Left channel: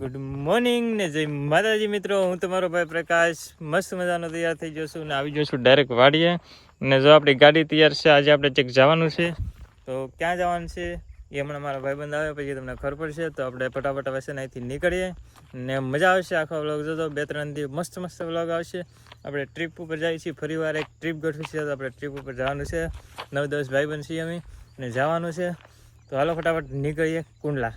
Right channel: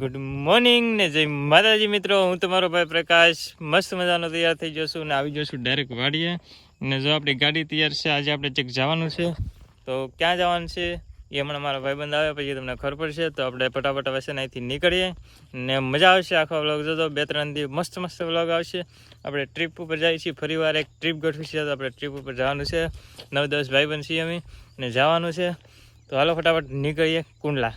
Good morning ને જય માતાજી મિત્રો, હું તમારો ભાઈ પ્રકાશ. મસ્ત મજાનો તૈયાર થઈ જઈશું ને આવી જઈશું ડાયરેક્ટ વાડીએ. ને જો આપણી ગાડી તૈયાર છે, આજે આપણે ચેક જવાનું છે. તો ક્યાં જવાનું છે એ હમણાં મારા ભાઈબંધ આવે પછી તમને ખબર પડશે. તો આપણે ફટાફટ હવે અહીંથી નીકળીએ. ને મજા આવશે આખો વ્લોગ જોતો. બે ત્રણ દિવસ મસ્ત મસ્ત વ્લોગ આવશે. આપણે ટ્રીપ ઉપર જઈએ છીએ. ફરીવાર એક ટ્રીપ ગોઠવી છે તો આપણે ટ્રીપ ઉપર જવાનું છે. નવ દસ ભાઈબંધ છીએ અમે ને જવાનું છે. તો હાલો ફટાફટ નીકળીએ કુંડલા.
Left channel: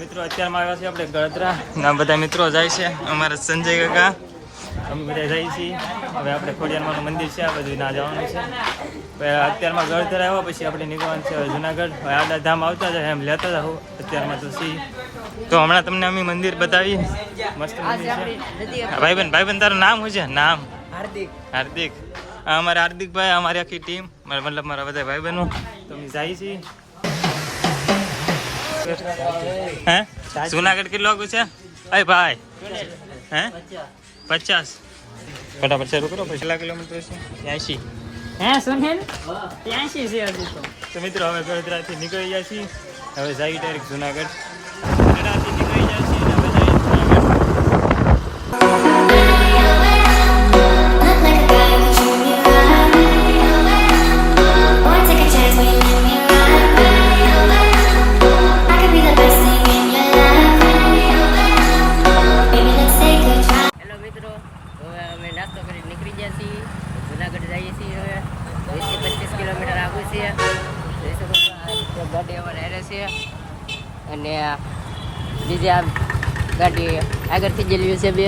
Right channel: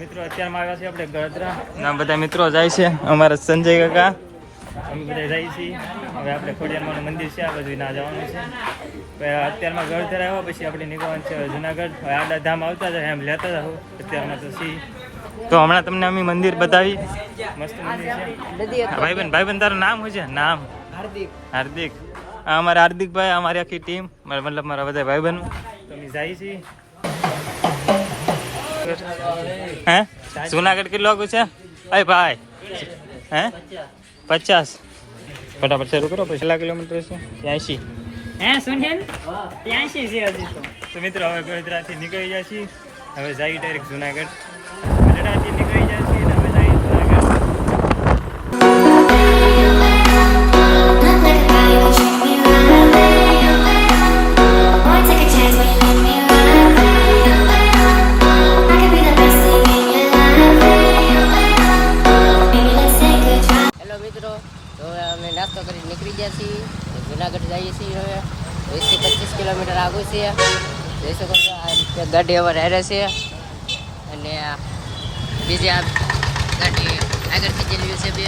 મિત્રો અત્યારમાં આવ્યા છીએ આપણે ગળતરા ના બધા મિત્રો જાય છે. અમારા સંજય કાકા. અમે બધા જઈએ છીએ. હવે આપણે ખોડિયારમાંનું મંદિર છે આ બધું ના જવાનું છે. અત્યારમાં ગળતરા આવ્યા પછી આપણે નીકળવાનું છે જુનાગઢ. હવે આડા ધામ આવતા જાય એમ લેતા જાઓ અત્યારમાં તો સી તો હમણાં તમને અમે મંદિર બતાવી. મસ્ત મંદિર છે. હા, ભાઈબંધ બેન તારું નામ શું છે? નામ? હાર્દિક. હાર્દિક. આ અમારા હાર્દિકભાઈ અમારી આખી ટીમ મતલબ મારા બધા ભાઈબંધો. તો અમે જઈએ છીએ. હે? જુનાગઢ કેટલો આગળ છે? અય ભાઈ. હે? પચાસ. ફટાફટ શરૂ કરો પછી કેટલા કિલોમીટર છે? એસી હે સુનેન ત્યાંશી છે હજી તો. તો મિત્રો હવે ગોધરાથી નીકળી ગયા છીએ. હવે જઈએ ડાયરેક્ટ જુનાગઢ. અમે નાસ્તો કરી નીકળી ગયા છીએ. જુનાગઢ જઈએ છીએ હવે. વીસથી પચીસ કિલોમીટર આગળ છે. જોઈ શકો ગાડી અમારે હેરે છે. અને બીજી આ ગાડી આગળથી ગયેલી છે બે.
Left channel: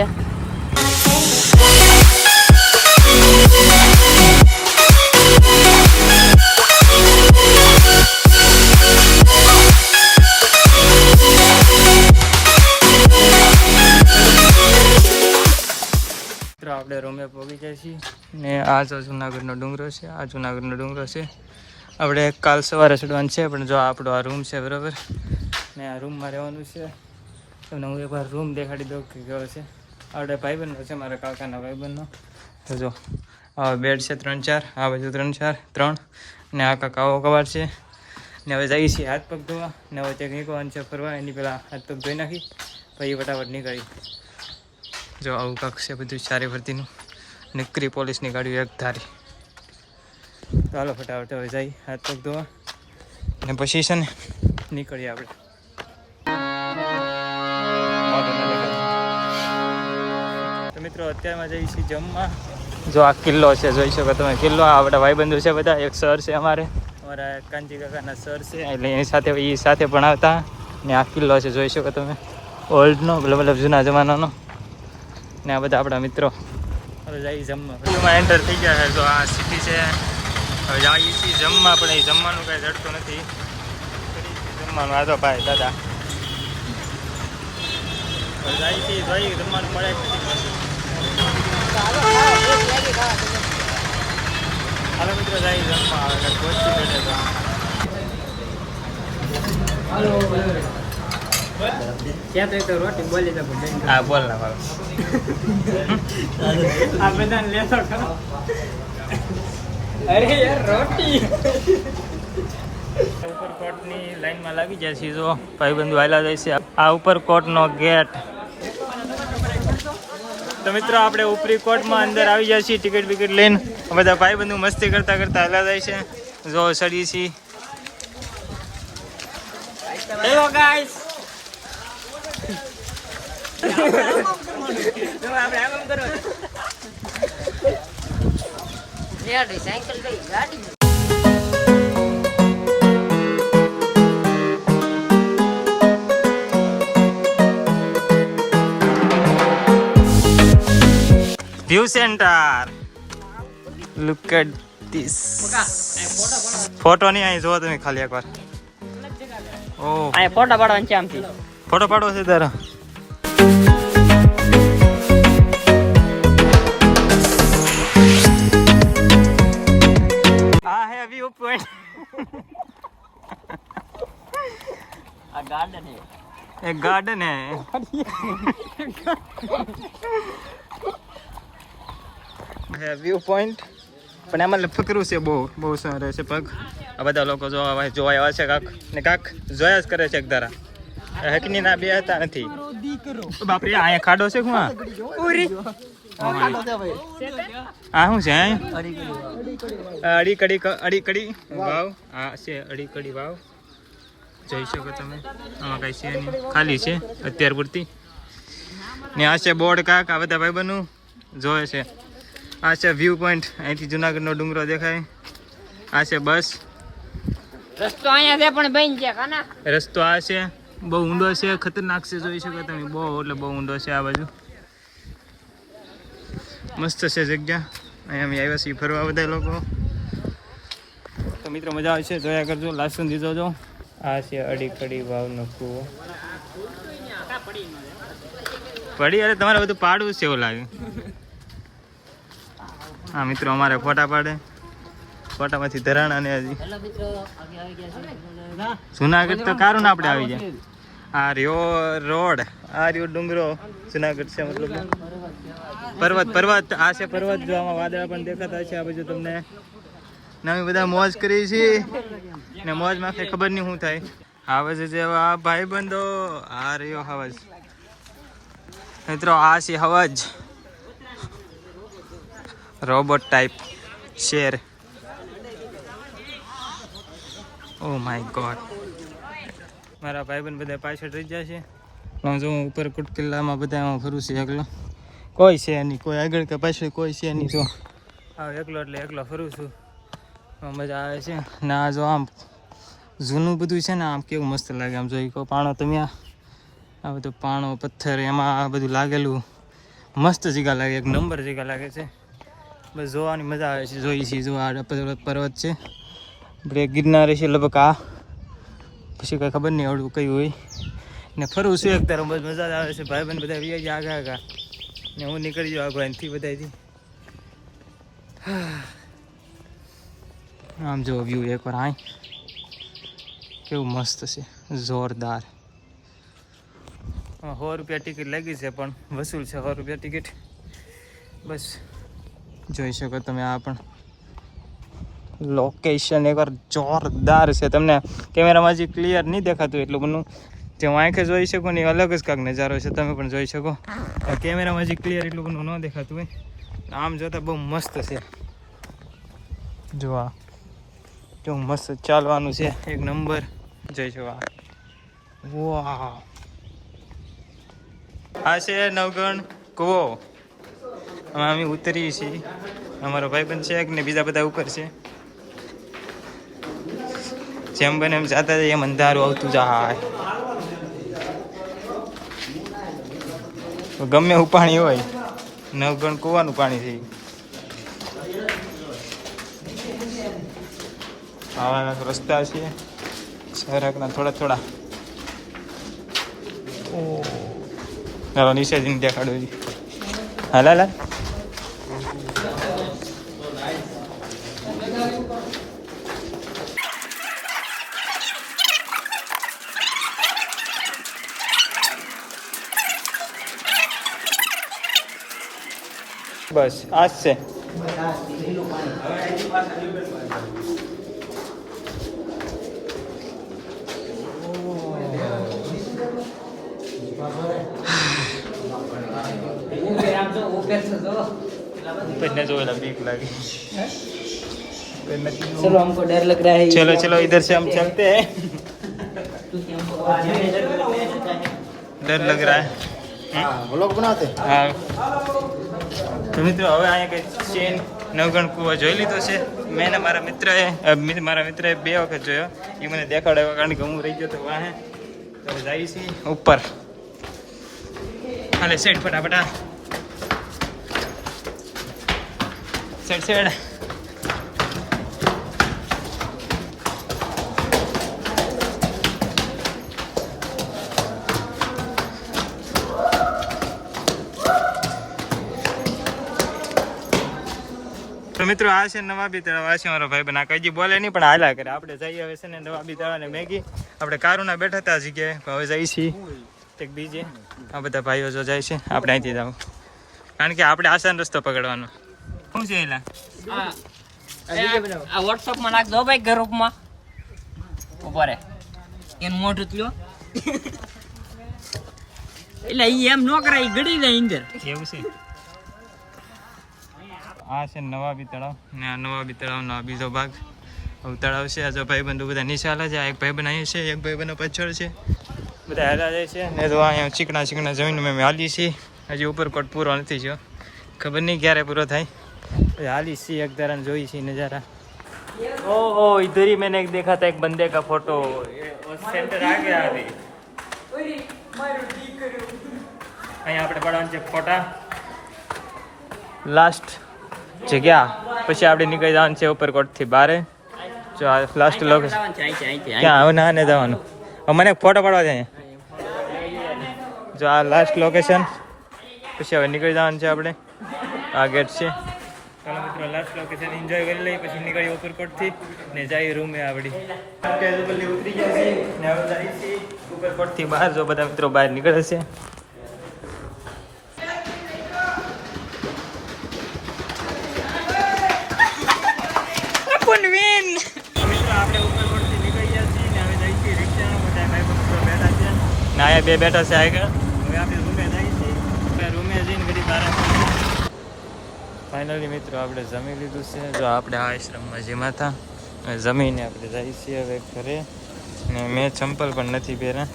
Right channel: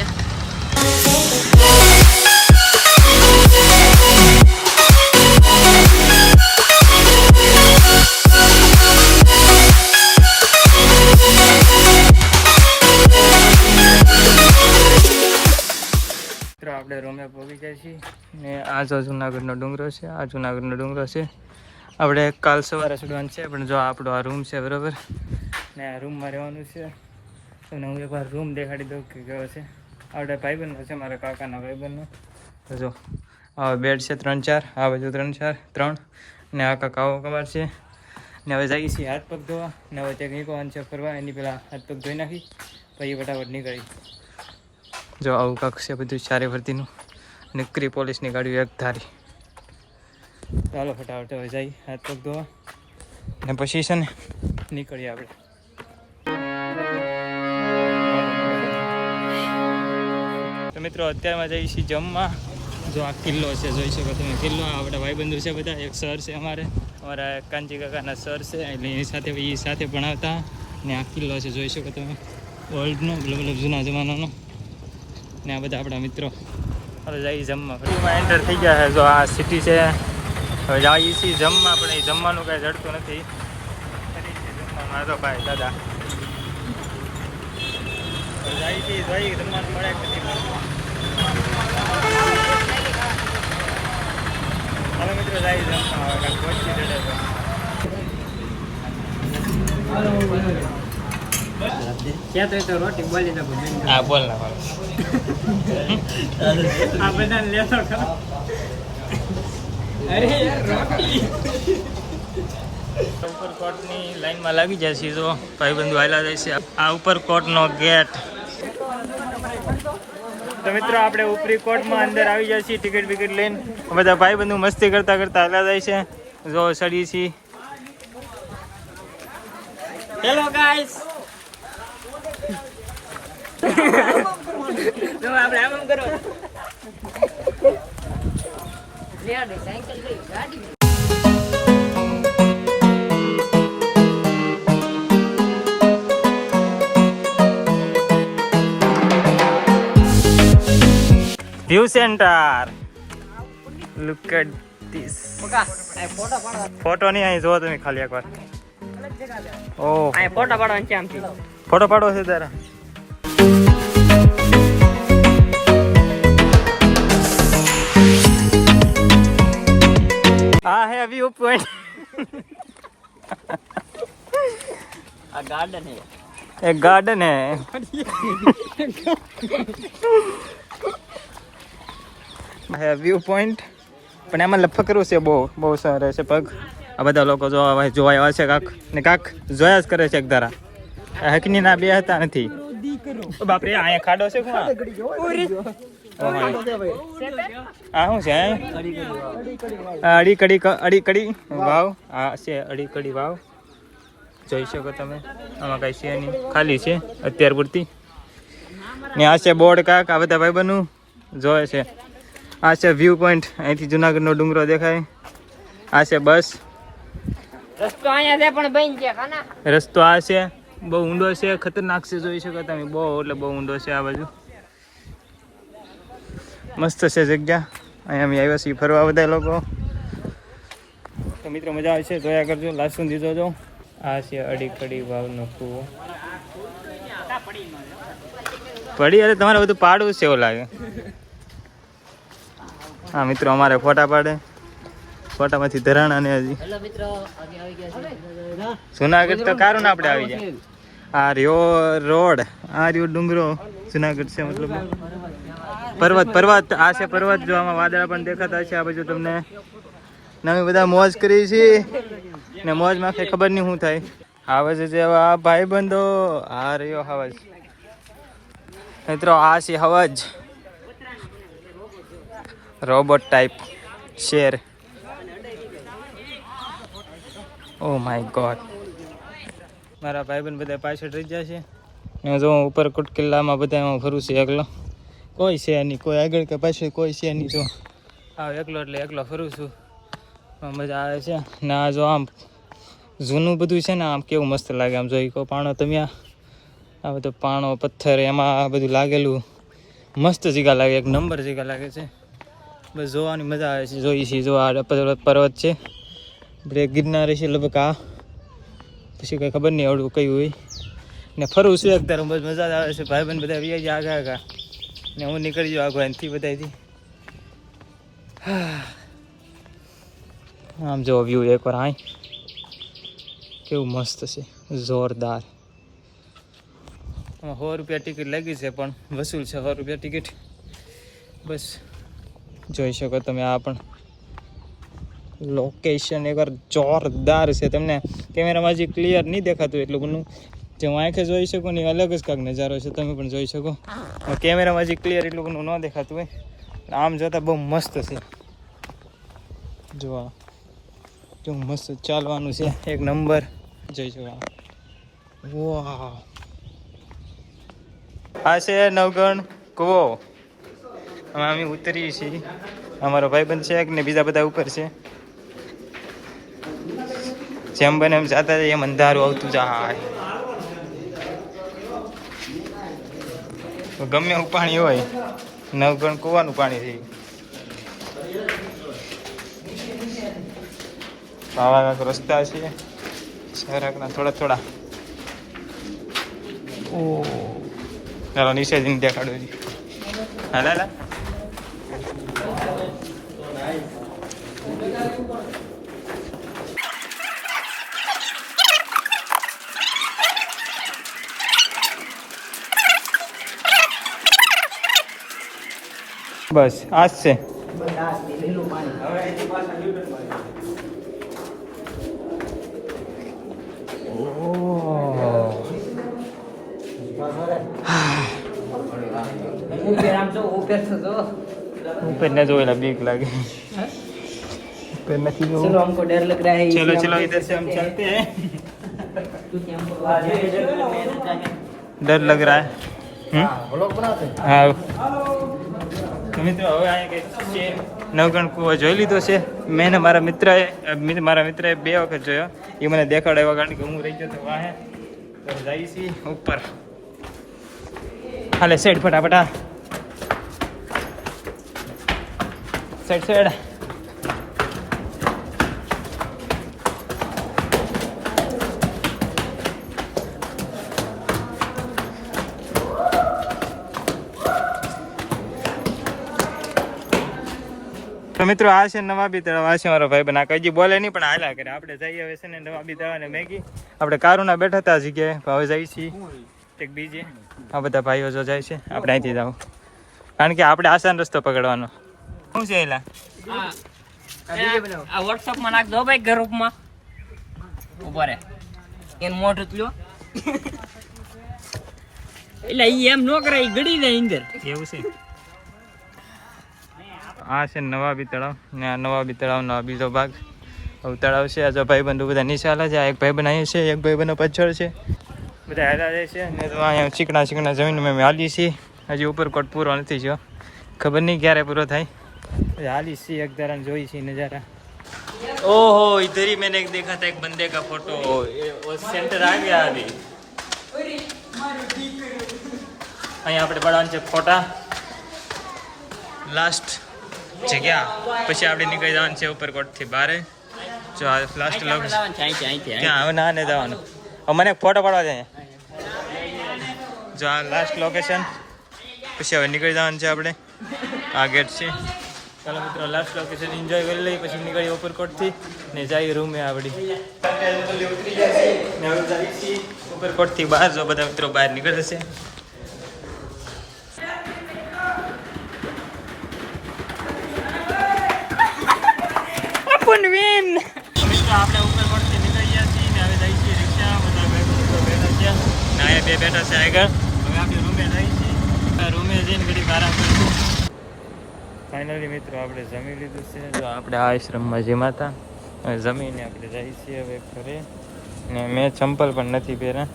પહોંચી ગયા છીએ ને આ જો જુનાગઢનો ડુંગરો છે, આ જુનાગઢનો ડુંગરો છે. આપણે કાલ સવારે ચડવાનું છે, પણ જો આપણો આ રૂમ છે, બરાબર? ને આ રૂમમાં રહેવાનું છે. તમને હું એકવાર રૂમ દેખાડી દઉં કે કેવો છે. આપણે ભાઈબંધનો છે, મારા કાકાના ભાઈબંધનો. તો જો, આ બેડ છે ત્રણ ચાર, આ બાજુ ત્રણ ચાર, ત્રણ. ને આ કાકાઓ આવો કવાર છે. ને હવે જઈએ છીએ હાથ પગ ધોવા. ને હવે ત્યાં નીકળવાનું છે, ફરવા. એની પહેલાં હાથ પગ ધોઈ નાખી, પછી ફટાફટ નીકળી જો આવું કાંક છે બધું ચારે ફરતીનું. નીકળી પોલીસની ગાડીઓ એક ધારી. ચાલો ફટાફટ હવે જઈ હાથ પગ ધોવા. ને પછી છે ને નીકળીએ આપણે. તો મિત્રો, અત્યારમાં જઈએ છીએ જમવા. જો આ કિલ્લો છે, જોઈ શકો તમે. કિલ્લો, આ બધા ભાઈબંધો છે બધા. એક સર છે અમારે. અમારા કાંજી કાકાના સર છે. એટલે એની સાથે, એ સાથે ભણાવતા ને આ કિલ્લો છે, જોઈ શકો તમે. ઓલ્ડનો મતલબ મતલબ જૂના જમાનાનો. ને આ બધા આપણા મિત્રો. હવે જઈએ જમવા. ફરીમાં એન્ટર થઈ ગયા છે. જો આ સિટી છે. હવે જઈએ છીએ જમવા, પણ એ જમવાનું કાંઈ જડતું નથી. જમવાનું. આ તો ભાઈ, દાદા. હવે જઈએ છીએ જોઈએ જમવાનું મળે જ નથી હાલો મિત્રો જઈએ જમવા. હવે કાંઈક પહોંચી જડે ક્યાં તો તો રોટી બોલી શકો બેન હા બોલ ના બોલ. આ બધાને લેતો ખરો. અરે યાર રોટી. ઉપરકોટની લાઈનમાં લાગી જાય છે જો ભાઈબંધુ આવેલા જાય છે. આ ઉપરકોટનો ગેટ. તો મિત્રો આપણે ઉપરી કોર્ટમાં અંદર આવી જાય છીએ ટિકિટ બિકિટ લઈને. બધા ભાઈબંધુ મસ્તી કરતા કરતા હલા જાય છે. જો સડી છીએ હેલો ગાઈસ ગાડી view centre look at this photo નહીં અહીં જોવો તમે ખાલી એકવાર. ઓ ફોટો પાડવાનો છે આમથી. ફોટો પાડવો છે તારો. વ્યૂ પોઈન્ટ આ ગાર્ડન છે એક ગાર્ડન હે. હે વ્યૂ પોઈન્ટ પણ એમાં લફકરું છે બહુ બહુ સારું છે પગ. આ બધા લોકો જોવા જોવા આવ્યા છે કાક. ને કાક જોયા જ કરે છે એકધારા હકની ના બે હતા નથી. બાપરે અહીંયા ખાડો છે શું આ? શું છે આ અડી કડી અડી કડી વાવ. આ છે અડી કડી વાવ. જોઈ શકો તમે. આમાં કાંઈ છે નહીં. ખાલી છે અત્યાર પૂરતી. ને આ છે બોર્ડ કાક આ બધા ભાઈબંધનું. જોવે છે. આ છે વ્યૂ પોઈન્ટ અહીંથી જુનાગઢનો ડુંગરો દેખાય. આ છે બસ. રસ્તો અહીંયા છે પણ બન છે રસ્તો આ છે. બહુ ઊંડો છે ખતરનાક છે જોઈ શકો તમે. બહુ એટલે બહુ ઊંડો છે આ બાજુ. મસ્ત છે જગ્યા. અહીંયા અમે આવ્યા છીએ ફરવા બધા લોકો. તો મિત્રો, મજા આવશે જોયા કરજો લાસ્ટ સુધી જોજો. આ છે અડી કડી વાવનો કૂવો. પડી અરે, તમારે બધું પાડવું છે એવું લાગે. હા, મિત્રો, અમારે ફોટા પાડે. ફોટામાંથી ધરાણ અને હજી. આવી છે જુનાગઢ તો કારું ને આપણે આવી જાય આ રહ્યો રોડ. આ રહ્યો ડુંગરો. જુનાગઢ છે. પર્વત પર્વત, આ છે પર્વત, જો આમાં વાદળા પણ દેખાતા છે, આ બાજુ તમને નવી બધા મોજ કરી છે. ને મોજમાં કઈ ખબર નહીં શું થાય. હાવજ જે આ ભાઈ બંધો આ રહ્યો આવાજ મિત્રો, આ છે હવજ. રોબોટ ટાઈપ શેર. ઓ માય ગોડ મારા ભાઈબંધ બધા પાછળ રહી ગયા છે. ને જો ઉપર કુટકિલ્લામાં બધા એમાં ફરું છું એકલો. કોઈ છે નહીં કોઈ આગળ કે પાછળ કોઈ છે નહીં તો. આવ એકલો એટલે એકલો ફરું છું. મજા આવે છે. ને આ જો આમ જૂનું બધું છે ને આમ કેવું મસ્ત લાગે. આમ જોઈ કહો પાણો તમે આ બધો પાણો પથ્થર એમાં આ બધું લાગેલું. મસ્ત જગ્યા લાગે એક નંબર જગ્યા લાગે છે. બસ જોવાની મજા આવે છે. જોઈ છીએ જો આ પર્વત છે. આપણે ગિરનાર છે લગભગ આ. પછી કંઈ ખબર નહીં આવડું કયું હોય. ને ફરવું છું એક તારું બસ મજા જ આવે છે. ભાઈ બંધ બધા વી આગા આગા. ને હું નીકળી જાઉં આગળ એનથી બધાથી આમ જો વ્યૂ એકવાર આય. કેવું મસ્ત છે. જોરદાર. સો રૂપિયા ટિકિટ લાગી છે, પણ વસૂલ છે સો રૂપિયા ટિકિટ બસ. જોઈ શકો તમે આ પણ. લોકેશન એકવાર જોરદાર છે. તમને કેમેરામાં હજી ક્લિયર નહીં દેખાતું એટલું બધું જે હું આંખે જોઈ શકું ને એ અલગ જ કાંક નજારો છે, તમે પણ જોઈ શકો. કેમેરામાં હજી ક્લિયર એટલું બધું ન દેખાતું હોય. આમ જોતાં બહુ મસ્ત છે. જો કેવું મસ્ત ચાલવાનું છે. એક નંબર. જોઈ જોવા આ. વાહ આ છે નવગણ કૂવો. આમાં અમે ઉતરીએ છીએ. અમારો ભાઈબંધ છે ને બીજા બધા ઉપર છે. જેમ બને એમ જાતા જઈએ એમ અંધારું આવતું જાય. ગમે એવું પાણી હોય નવગણ કૂવાનું પાણી છે. આવા કાંઈક રસ્તા છે. સરાકના થોડા થોડા. ઓ. ચાલો જઈને દેખાડો હાલ હાલ. બસ આ જ છે ઉપરને જોઈને બીક લાગે चलो हमको डर लग रहा है चलो चलो इधर से हम चलते हैं क्योंकि हमको आगे डर लगता है डर लग रहा है હા. તો મિત્રો, હવે અહીંયા કઈ ચેન નવગણ કૂવો જોઈ લીધો છે. મેં મારા મિત્રએ મારા મિત્રએ બે વખત જોયો. એ મને દેખાડો એવા કારણ કે હું રહી ગયો તો વાહે. તો જઈએ છીએ ઉપર. હાલે સાઈડ ફટાફટા આ સાઈડ તો મિત્રો આ છે નવાબી તળાવ. આ છે મારો ભાઈ બના. કઈ બોલે નહીં પણ હાલા કરે. આપણે જઈએ હવે છે ને નવાબી તળાવ ને મેગી. આપણે કારુના બેઠા હતા જગ્યાએ. ભાવે હવે જઈએ છીએ. એક બીજે. આ બધા ભાઈઓ જો જાય છે. આપણે અહીંથી જાવ કારણ કે આપણે આસાન રસ્તો પકડવાનો. શું છે એલા? આ વોટ્સઅપમાં નાખ દો ભાઈ ગ્રુપમાં. ઊભા રે. એન મોઢું લ્યો. એટલે એમ નો કરાય ગડી જાય અંદર. એવું છે. આ છે નવાબી તળાવ ને આ નવાબી તળાવનો આ બીજો ભાગ હવે તળાવ છે આ જો ભાઈબંધો બધા નીચે હાલે છે આ એક ભાઈબંધ અહીં છે એક ભાઈબંધો પાછળ છે બધા હાલા જાય છે ને તો અહીંયા ચીકણા ચીકણા જમીન મેં હાલી છીએ હજી ઉપરકોટ પૂરો નથી થયો ખબર નહીં ક્યારે પૂરો થાય પછી હાલી છીએ એક ધારા જોઈ છીએ નજારા ओहो इधर ही मैंने एक देखा था एक बंदे का फोटो ये वो सेंटर आ गया अभी અહીંયા આપણે પડવાનું છે ફોટા લાસ્ટ જગ્યા. પછી આપણે નીકળી જવાનું છે ઉપરકોટથી બારે. જો આ લાસ્ટ લોકેશન ક્યાં? આવું ના ને જવાનું. મને ફોટો પડવા જાય જો આ લાસ્ટ લોકેશન પછી હવે નીકળી જવાનું છે આપણે. આ ગેટ છે. ચાલો મિત્રો લાસ્ટ લોકેશન એન્જોય કરી લઈએ પછી નીકળીએ ઉપરકોટથી. ને જઈએ રૂમે આપણી ઉતરી ગયા છીએ. ને હવે જઈએ ઉપરકોટથી બહાર. જો બધા મિત્રો બહાર નીકળે છે મિત્રો આપણે ઉપરકોટથી નીકળી ગયા છીએ ને હવે જઈએ છીએ રિક્ષામાં બધા ભાઈ મિત્રો બેઠા છે ને બે બેઠા છે આગળ. હવે આપણે રૂમે જઈએ છીએ રૂમે જઈને ઘડીક આરામ કરીશું. ફાઇનલી મિત્રો આપણે જમી લીધું છે. જો આપણે આ આશ્રમમાં જેમાં હતા જમીને આપણે જઈએ છીએ હવે ઘરે. ને મેં ચંપલ પણ નથી પહેર્યા.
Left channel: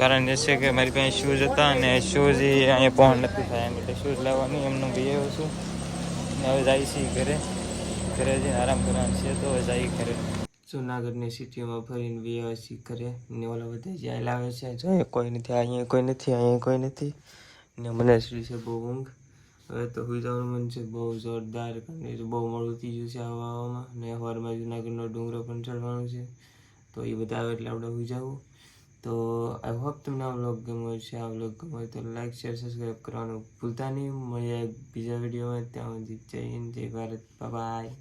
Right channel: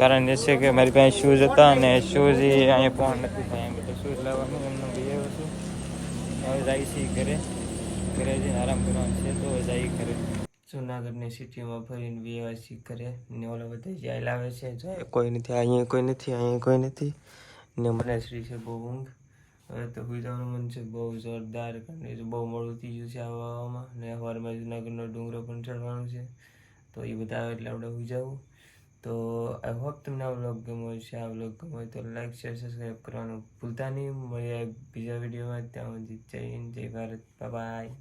કારણ એ છે કે મારી પાસે શૂઝ હતા અને શૂઝ એ અહીંયા પહોંચ નથી થાય. એમ એટલે શૂઝ લેવાનું એમનું બી આવ્યો છું. ને હવે જાય છે ઘરે. ઘરે જઈને આરામ કરવાનું છે તો હવે જઈએ ઘરે. જુનાગઢની સિટીમાં ફરીને વીઆઈસી કરે ને ઓલા બધા જાય લાવે છે. અહીંયા કોઈ નથી, અહીંયા કોઈ નથી, અહીંયા કોઈ નથી. ને મને શ્રી છે બહુ ઊંઘ. હવે તો સુઈ જવાનું મન છે, બહુ જોરદાર કારણ બહુ મોડું થઈ ગયું છે આવવામાં. ને સવારમાં જુનાગઢનો ડુંગરો પણ ચડવાનો છે. તો એ બધા આવે એટલે આપણે સુઈ જવું. તો આઈ હોપ તમને આ વ્લોગ ગમ્યો છે આ વ્લોગ ગમ્યો તો લાઈક, શેર, સબસ્ક્રાઈબ કરવાનું ભૂલતા નહીં. મળીએ બીજા વિડીયોમાં. ત્યાં સુધી જય હિન્દ, જય ભારત. બાય